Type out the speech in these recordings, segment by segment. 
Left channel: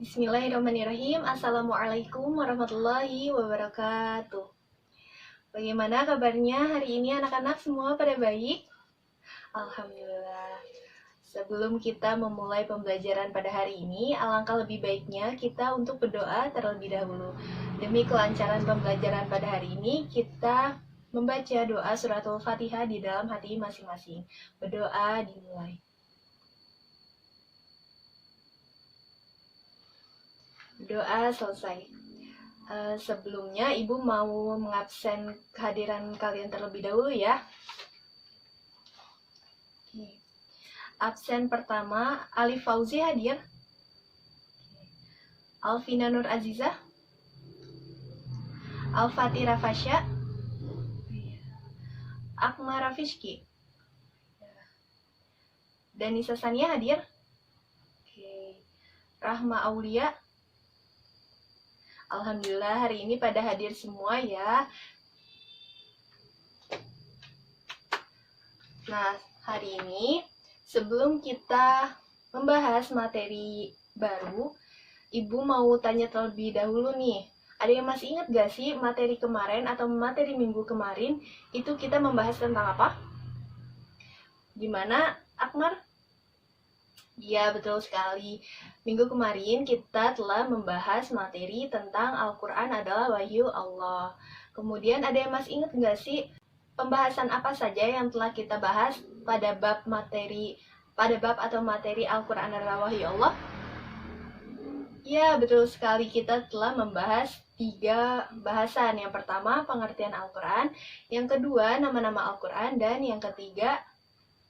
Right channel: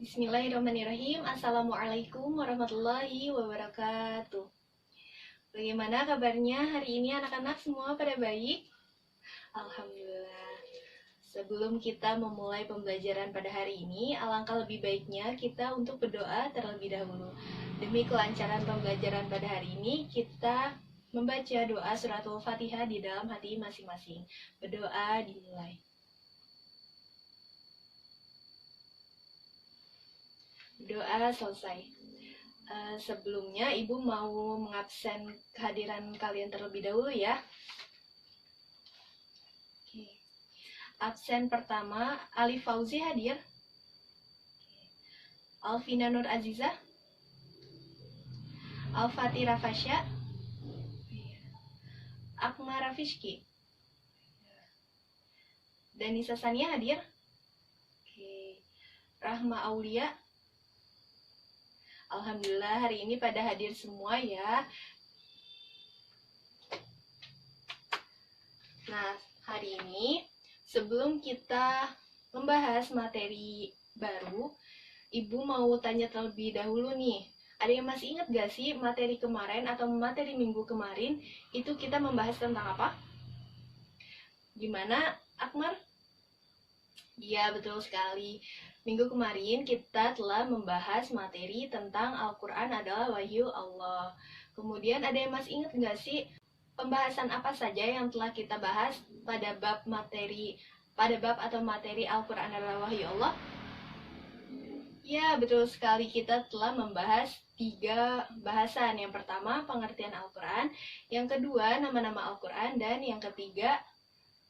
Bismillahirrahmanirrahim. Assalamualaikum warahmatullahi wabarakatuh. Bagaimana kabarnya hari ini anak-anak semua pada baik? Alhamdulillah. Sebelum kita memulai pembelajaran pada hari ini, alangkah lebih baiknya kita untuk berdoa terlebih dahulu. Demi kelancaran pembelajaran pada hari ini, kita membaca doa suratul Fatihah di dalam hati masing-masing. Berdoa dimulai. Doa selesai. Sebelumnya Ibu mau mengabsen kehadiran kalian terlebih dahulu ya. Oke. Absen pertama, Alif Fauzi hadir. Alvina Nur Aziza. Al-Fatira Fasya. Akmal Rafishki. Danisa Sania hadir. Oke. Rahma Aulia. Alhamdulillah hari ini pada hadir semua ya. Nah, hari ini sebelum kita membahas materi baru, Ibu mau tanya terlebih dahulu nih. Ada yang masih ingat gak sih materi kemarin atau materi minggu kemarin itu kita membahas tentang apa? Gimana, Akmar? Iya, betul sekali. Minggu kemarin kita telah membahas materi tentang Al-Quran adalah wahyu Allah. Kemudian ada yang masih ingat nggak sih pembahasan apa saja yang telah kita bahas pada bab atau materi Al-Quran adalah wahyu Allah? Ya, betul sekali. Kita telah membahas 3 bahasan. Yang pertama, pengertian Al-Quran. Yang kedua, nama-nama Al-Quran. Dan yang ketiga,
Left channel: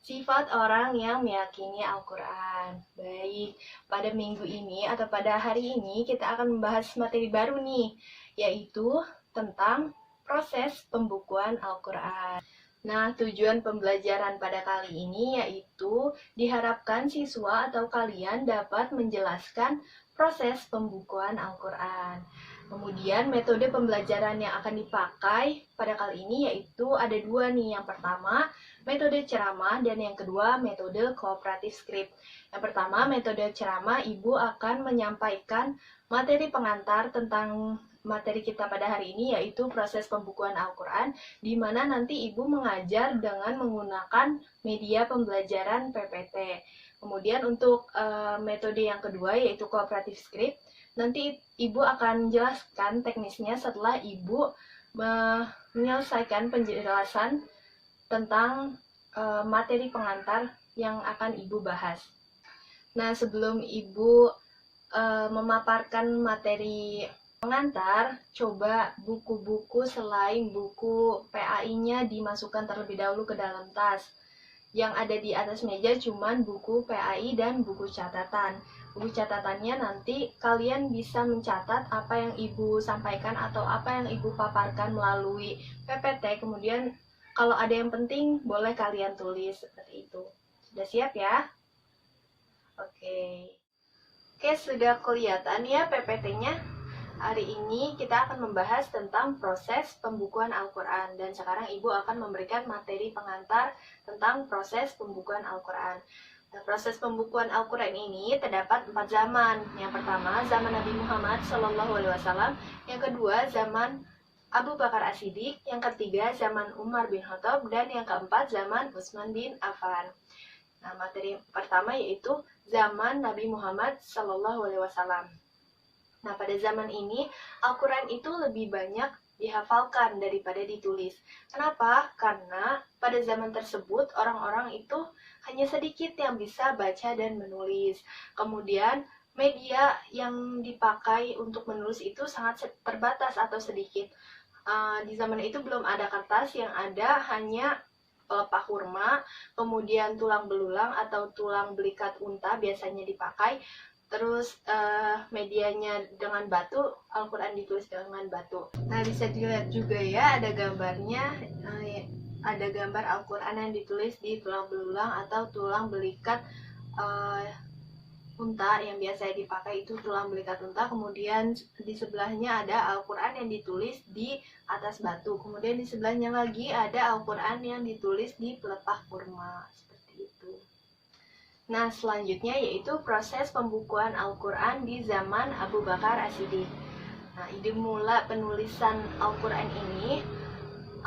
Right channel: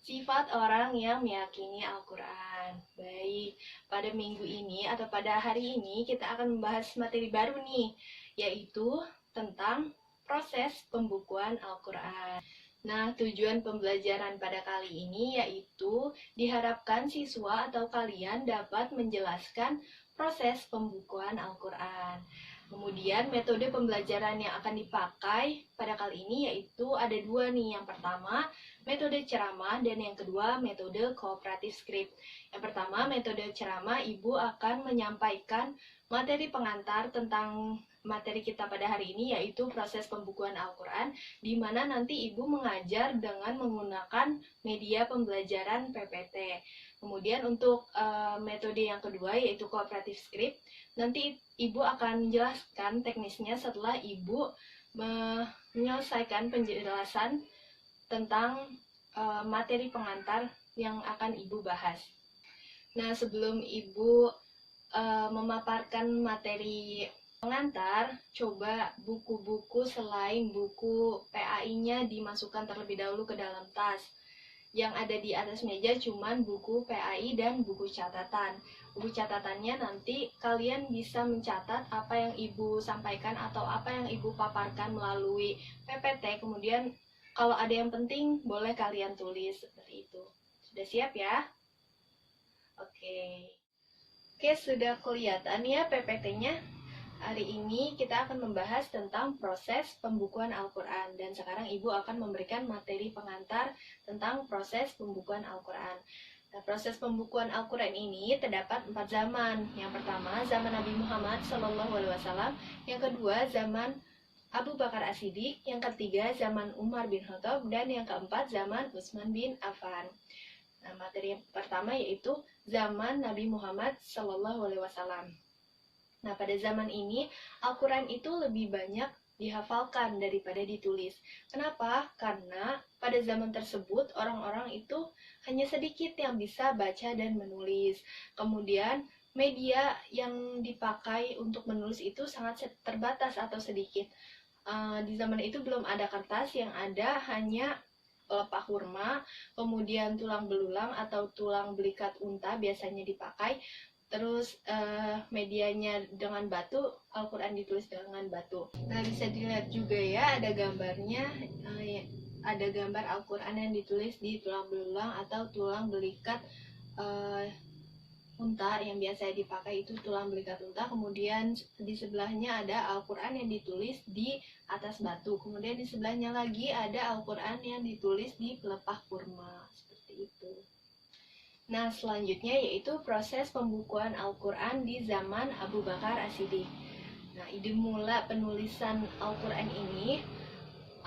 sifat orang yang meyakini Al-Quran. Baik, pada minggu ini atau pada hari ini kita akan membahas materi baru nih, yaitu tentang proses pembukuan Al-Quran. Nah, tujuan pembelajaran pada kali ini yaitu diharapkan siswa atau kalian dapat menjelaskan proses pembukuan Al-Quran. Kemudian metode pembelajaran yang akan dipakai pada kali ini yaitu ada 2 nih. Yang pertama, metode ceramah, dan yang kedua, metode kooperatif script. Yang pertama, metode ceramah, Ibu akan menyampaikan materi pengantar tentang materi kita pada hari ini, yaitu proses pembukuan Al-Quran, di mana nanti Ibu mengajar dengan menggunakan media pembelajaran PPT. Kemudian untuk metode yang kedua, yaitu kooperatif script, nanti Ibu akan menjelaskan teknisnya setelah Ibu menyelesaikan penjelasan tentang materi pengantar yang akan Ibu bahas. Nah, sebelum Ibu memaparkan materi pengantar, coba buku-buku selain buku PAI-nya dimasukkan terlebih dahulu ke dalam tas. Yang ada di atas meja cuman buku PAI dan buku catatan. Buku catatannya nanti kalian bisa mencatat apa yang Ibu sampaikan atau apa yang Ibu paparkan melalui PPT. Kemudian kalau ada yang penting boleh kalian tulis seperti itu. Sudah siap ya? Oke, sudah kelihatan ya PPT-nya? Hari ini kita akan membahas tentang proses pembukuan Al-Quran. Dan sekarang Ibu akan memberikan materi pengantar tentang proses pembukuan Al-Quran. Nah, proses pembukuan Al-Quran ini terdapat 4 zaman. Yang pertama, zaman Nabi Muhammad SAW. Yang kedua, zaman Abu Bakar As-Siddiq. Yang ketiga, zaman Umar bin Khattab. Dan yang keempat, zaman Utsman bin Affan. Nah, materi pertama yaitu zaman Nabi Muhammad SAW. Nah, pada zaman ini, Al-Quran itu lebih banyak dihafalkan daripada ditulis. Kenapa? Karena pada zaman tersebut, orang-orang itu hanya sedikit yang bisa baca dan menulis. Kemudian, media yang dipakai untuk menulis itu sangat terbatas atau sedikit. Di zaman itu belum ada kertas, yang ada hanya pelepah kurma, kemudian tulang belulang atau tulang belikat unta biasanya dipakai. Terus medianya dengan batu, Al-Quran ditulis dengan batu. Nah, bisa dilihat juga ya, ada gambarnya, ada gambar Al-Quran yang ditulis di tulang belulang atau tulang belikat unta, yang biasa dipakai itu tulang belikat unta. Kemudian di sebelahnya ada Al-Quran yang ditulis di atas batu. Kemudian di sebelahnya lagi ada Al-Quran yang ditulis di pelepah kurma. Seperti itu. Nah, selanjutnya yaitu proses pembukuan Al-Quran di zaman Abu Bakar As-Siddiq. Nah, ide mula penulisan Al-Quran ini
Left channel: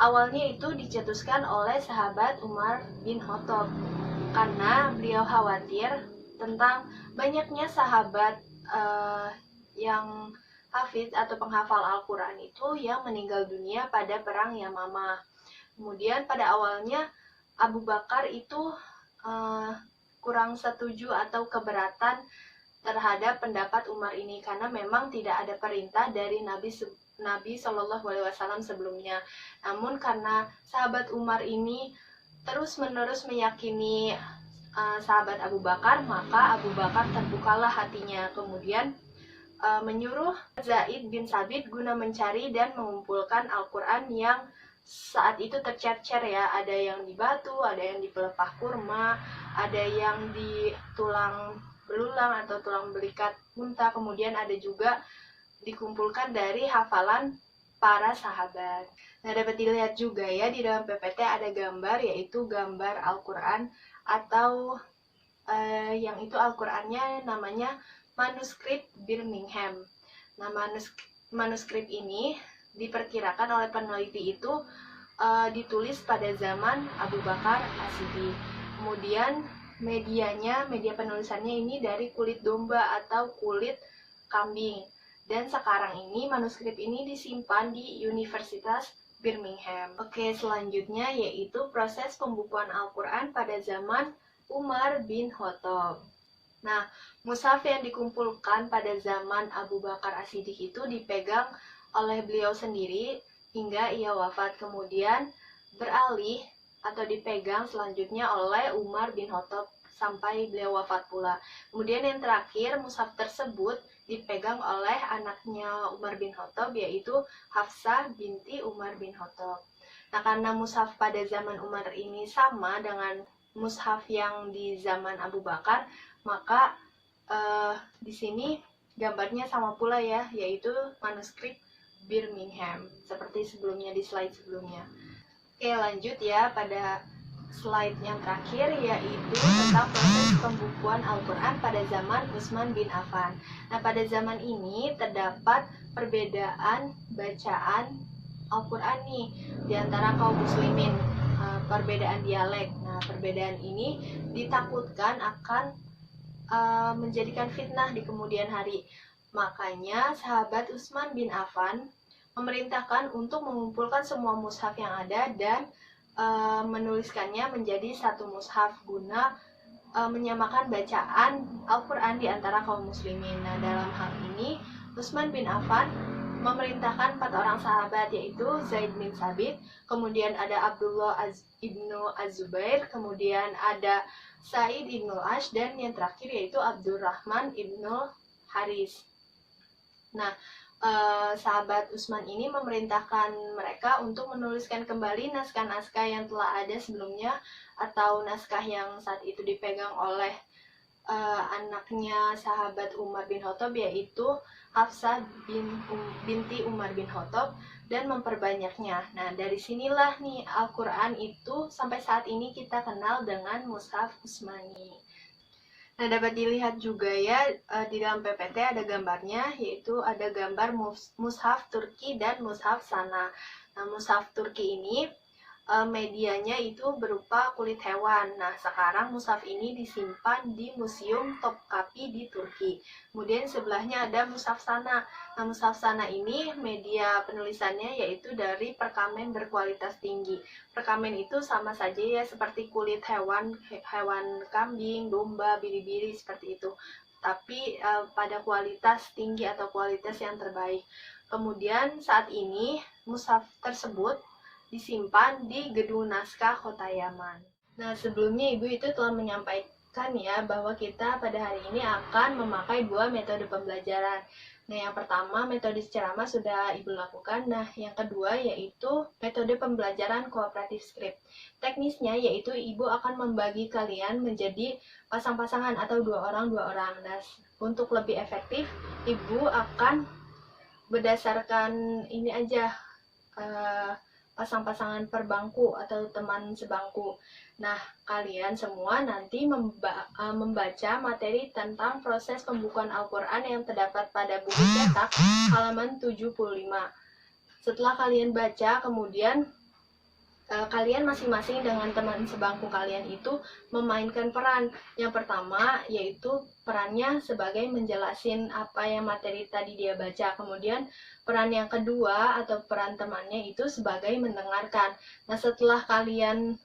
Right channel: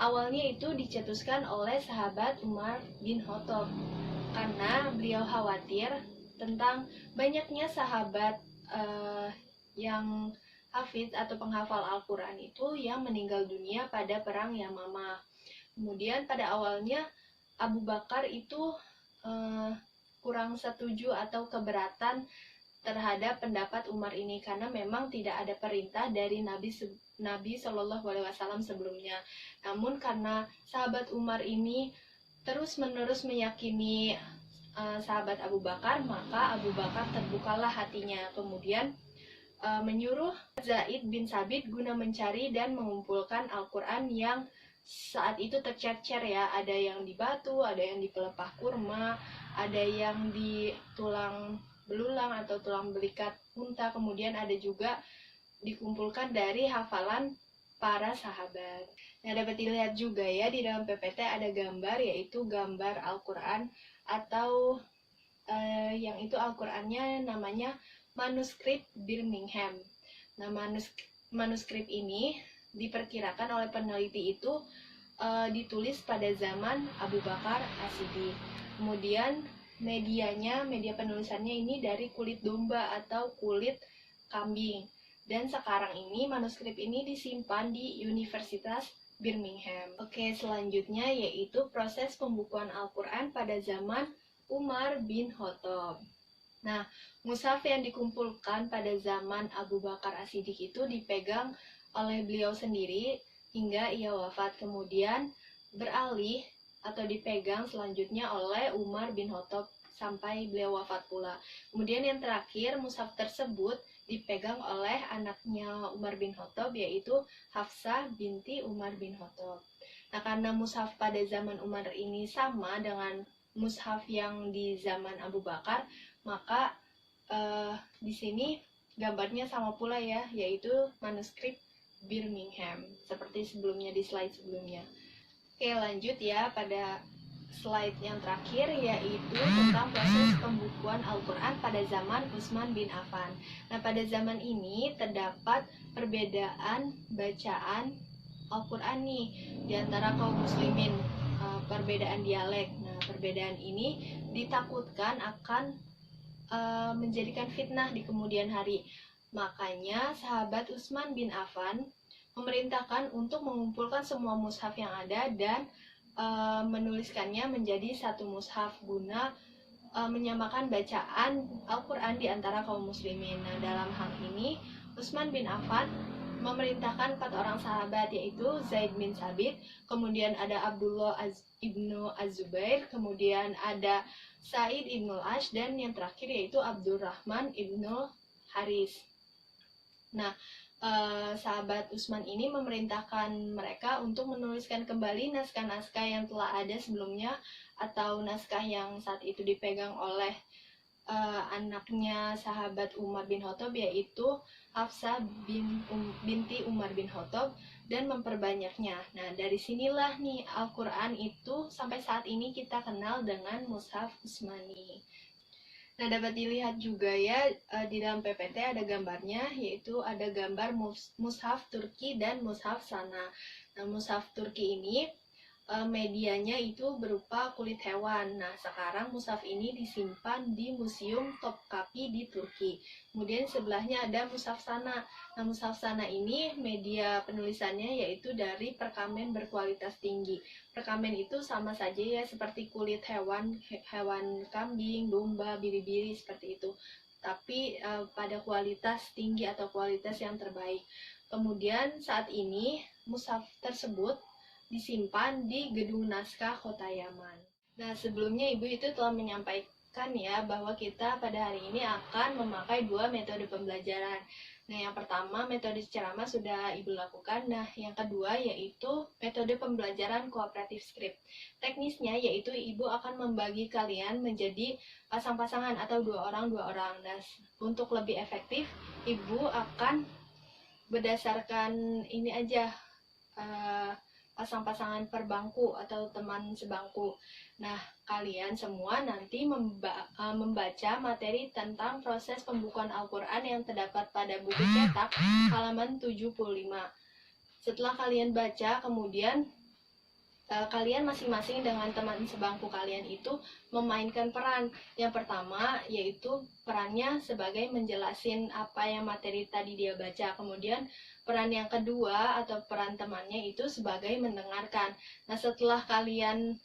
awalnya itu dicetuskan oleh sahabat Umar bin Khattab karena beliau khawatir tentang banyaknya sahabat yang hafiz atau penghafal Al-Quran itu yang meninggal dunia pada perang Yamamah. Kemudian pada awalnya Abu Bakar itu kurang setuju atau keberatan terhadap pendapat Umar ini karena memang tidak ada perintah dari Nabi Shallallahu Alaihi Wasallam sebelumnya. Namun karena sahabat Umar ini terus-menerus meyakini sahabat Abu Bakar, maka Abu Bakar terbukalah hatinya. Kemudian menyuruh Zaid bin Sabit guna mencari dan mengumpulkan Al-Quran yang saat itu tercecer ya, ada yang di batu, ada yang di pelepah kurma, ada yang di tulang belulang atau tulang belikat unta, kemudian ada juga dikumpulkan dari hafalan para sahabat. Nah, dapat dilihat juga ya di dalam PPT ada gambar, yaitu gambar Al-Quran atau yang itu Al-Qurannya namanya manuskrip Birmingham. Nah, manuskrip ini diperkirakan oleh peneliti itu ditulis pada zaman Abu Bakar As-Siddiq. Kemudian media penulisannya ini dari kulit domba atau kulit kambing. Dan sekarang ini manuskrip ini disimpan di Universitas Birmingham. Oke, selanjutnya yaitu proses pembukuan Al-Quran pada zaman Umar bin Khattab. Nah, mushaf yang dikumpulkan pada zaman Abu Bakar As-Siddiq itu dipegang oleh beliau sendiri hingga ia wafat, kemudian beralih atau dipegang selanjutnya oleh Umar bin Khattab sampai beliau wafat pula. Kemudian yang terakhir, mushaf tersebut dipegang oleh anaknya Umar bin Khattab, yaitu Hafsah binti Umar bin Khattab. Nah, karena mushaf pada zaman Umar ini sama dengan mushaf yang di zaman Abu Bakar, maka di sini gambarnya sama pula ya, yaitu manuskrip Birmingham, seperti sebelumnya di slide sebelumnya. Oke, lanjut ya pada slide yang terakhir, yaitu tentang proses pembukuan Al-Quran pada zaman Utsman bin Affan. Nah, pada zaman ini terdapat perbedaan bacaan Al-Quran nih di antara kaum muslimin, perbedaan dialek. Nah, perbedaan ini ditakutkan akan menjadikan fitnah di kemudian hari. Makanya sahabat Utsman bin Affan memerintahkan untuk mengumpulkan semua mushaf yang ada dan menuliskannya menjadi satu mushaf guna menyamakan bacaan Al-Quran di antara kaum muslimin. Nah, dalam hal ini Utsman bin Affan memerintahkan 4 orang sahabat, yaitu Zaid bin Sabit, kemudian ada Abdullah ibnu Az-Zubair, kemudian ada Sa'id ibnu Ash, dan yang terakhir yaitu Abdurrahman ibnu Haris. Nah, sahabat Utsman ini memerintahkan mereka untuk menuliskan kembali naskah-naskah yang telah ada sebelumnya atau naskah yang saat itu dipegang oleh anaknya sahabat Umar bin Khattab, yaitu Hafsah binti Umar bin Khattab, dan memperbanyaknya. Nah, dari sinilah nih Al-Quran itu sampai saat ini kita kenal dengan mushaf Utsmani. Nah, dapat dilihat juga ya di dalam PPT ada gambarnya, yaitu ada gambar mushaf Turki dan mushaf Sana. Nah, mushaf Turki ini medianya itu berupa kulit hewan. Nah, sekarang mushaf ini disimpan di Museum Topkapi di Turki. Kemudian sebelahnya ada mushaf Sana. Nah, mushaf Sana ini media penulisannya yaitu dari perkamen berkualitas tinggi. Perkamen itu sama saja ya seperti kulit hewan kambing, domba, biri-biri seperti itu. Tapi pada kualitas tinggi atau kualitas yang terbaik. Kemudian saat ini mushaf tersebut disimpan di Gedung Naskah Kota Yaman. Nah, sebelumnya Ibu itu telah menyampaikan ya bahwa kita pada hari ini akan memakai 2 metode pembelajaran. Nah, yang pertama metode ceramah sudah Ibu lakukan. Nah, yang kedua yaitu metode pembelajaran kooperatif script. Teknisnya yaitu Ibu akan membagi kalian menjadi pasang-pasangan atau 2 orang. Nah, untuk lebih efektif Ibu akan berdasarkan ini aja pasang-pasangan perbangku atau teman sebangku. Nah, kalian semua nanti membaca materi tentang proses pembukuan Al-Quran yang terdapat pada buku cetak halaman 75. Setelah kalian baca, kemudian kalian masing-masing dengan teman sebangku kalian itu memainkan peran. Yang pertama yaitu perannya sebagai menjelasin apa yang materi tadi dia baca. Kemudian peran yang kedua atau peran temannya itu sebagai mendengarkan. Nah, setelah kalian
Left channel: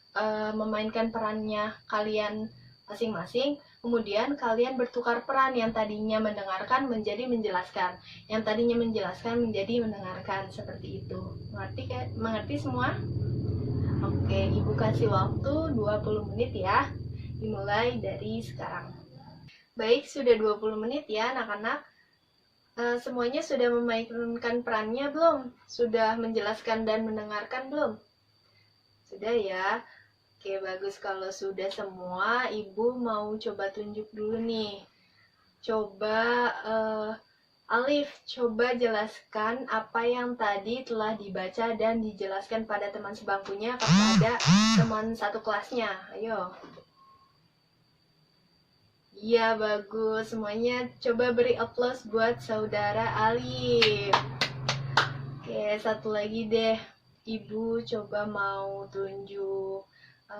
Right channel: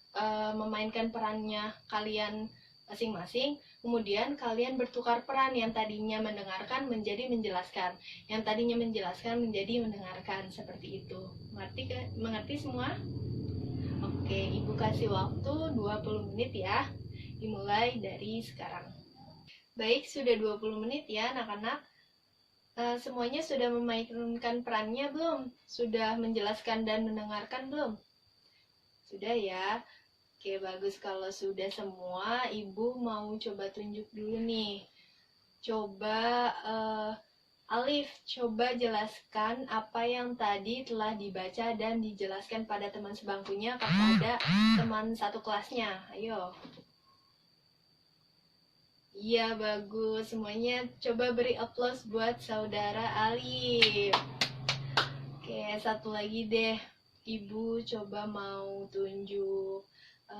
memainkan perannya kalian masing-masing, kemudian kalian bertukar peran, yang tadinya mendengarkan menjadi menjelaskan, yang tadinya menjelaskan menjadi mendengarkan, seperti itu. Mengerti semua? Oke, Ibu kasih waktu 20 menit ya. Dimulai dari sekarang. Baik, sudah 20 menit ya anak-anak. Semuanya sudah memainkan perannya belum? Sudah menjelaskan dan mendengarkan belum? Sudah ya? Oke, bagus. Kalau sudah semua, Ibu mau coba tunjuk dulu nih. Coba Alif, coba jelaskan apa yang tadi telah dibaca dan dijelaskan pada teman sebangkunya kepada teman satu kelasnya. Ayo. Iya, bagus. Semuanya coba beri aplaus buat saudara Alif. Oke, satu lagi deh. Ibu coba mau tunjuk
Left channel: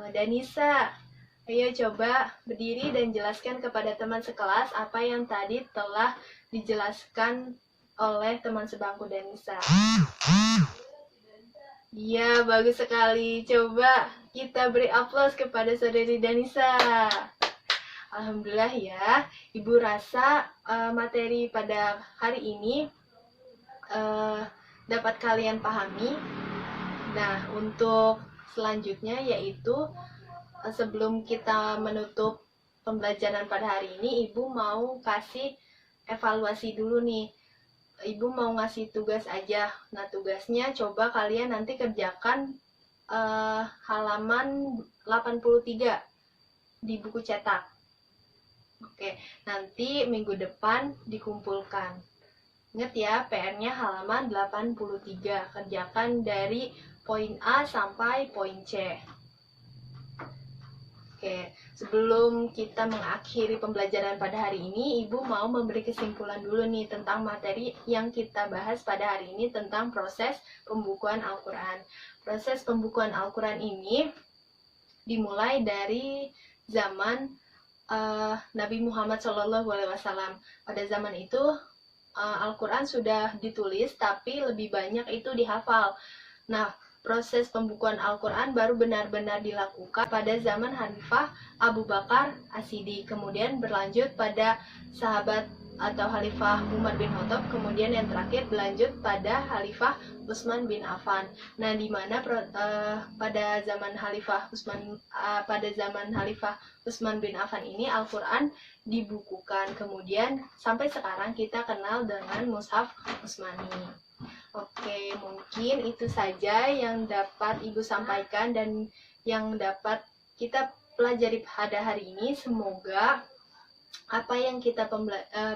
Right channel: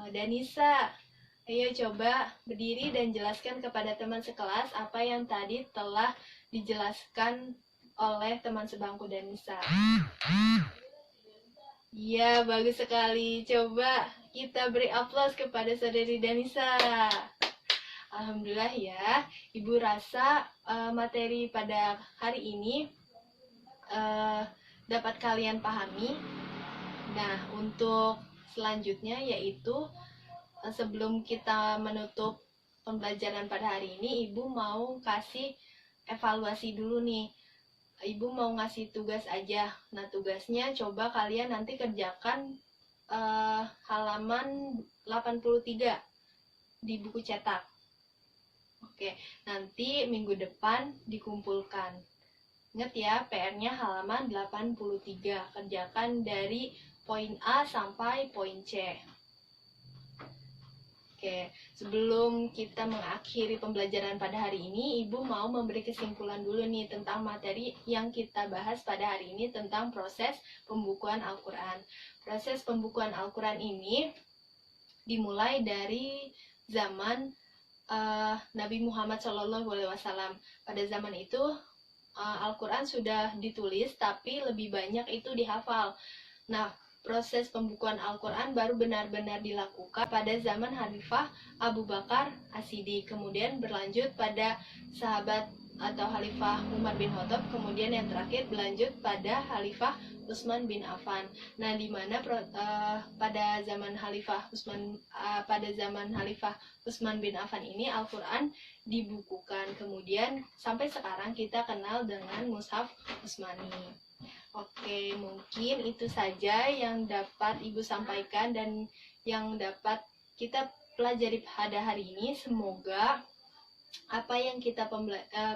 Danisa. Ayo coba berdiri dan jelaskan kepada teman sekelas apa yang tadi telah dijelaskan oleh teman sebangku Danisa. Iya, bagus sekali. Coba kita beri aplaus kepada saudari Danisa. Alhamdulillah ya, Ibu rasa materi pada hari ini dapat kalian pahami. Nah, untuk selanjutnya yaitu sebelum kita menutup pembelajaran pada hari ini, Ibu mau kasih evaluasi dulu nih. Ibu mau ngasih tugas aja. Nah, tugasnya coba kalian nanti kerjakan halaman 83 di buku cetak. Oke, nanti minggu depan dikumpulkan. Ingat ya, PR-nya halaman 83. Kerjakan dari poin A sampai poin C. Oke, sebelum kita mengakhiri pembelajaran pada hari ini, Ibu mau memberi kesimpulan dulu nih tentang materi yang kita bahas pada hari ini tentang proses pembukuan Al-Quran. Proses pembukuan Al-Quran ini dimulai dari zaman Nabi Muhammad SAW. Pada zaman itu Al-Quran sudah ditulis, tapi lebih banyak itu dihafal. Nah, proses pembukuan Al-Quran baru benar-benar dilakukan pada zaman Khalifah Abu Bakar As-Siddiq, kemudian berlanjut pada sahabat atau Khalifah Umar bin Khattab, kemudian yang terakhir berlanjut pada Khalifah Utsman bin Affan. Nah, di mana pada zaman Khalifah Utsman bin Affan ini Al-Quran dibukukan, kemudian sampai sekarang kita kenal dengan Mushaf Utsmani. Oke, mungkin itu saja yang dapat Ibu sampaikan dan yang dapat kita pelajari pada hari ini. Semoga apa yang kita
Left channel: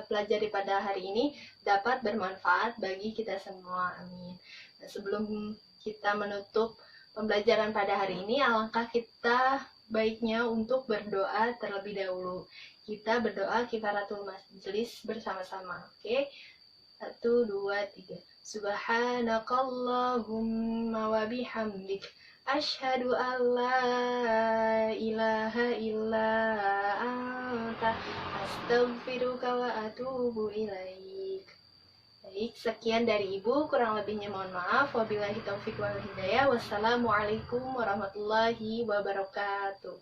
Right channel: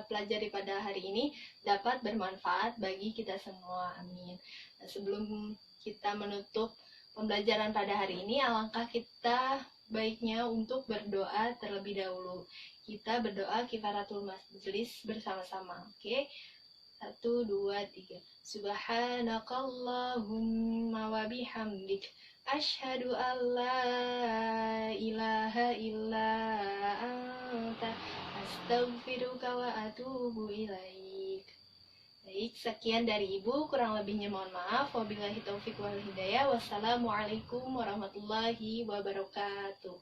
pelajari pada hari ini dapat bermanfaat bagi kita semua. Amin. Nah, sebelum kita menutup pembelajaran pada hari ini, alangkah kita baiknya untuk berdoa terlebih dahulu. Kita berdoa kifaratul majlis bersama-sama. Oke? 1, 2, 3. Subhanakallahumma wa bihamdik asyhadu an la ilaha illa anta astaghfiruka wa atubu ilaik. Baik, sekian dari Ibu, kurang lebihnya mohon maaf. Wabillahi taufiq wal hidayah. Wassalamualaikum warahmatullahi wabarakatuh.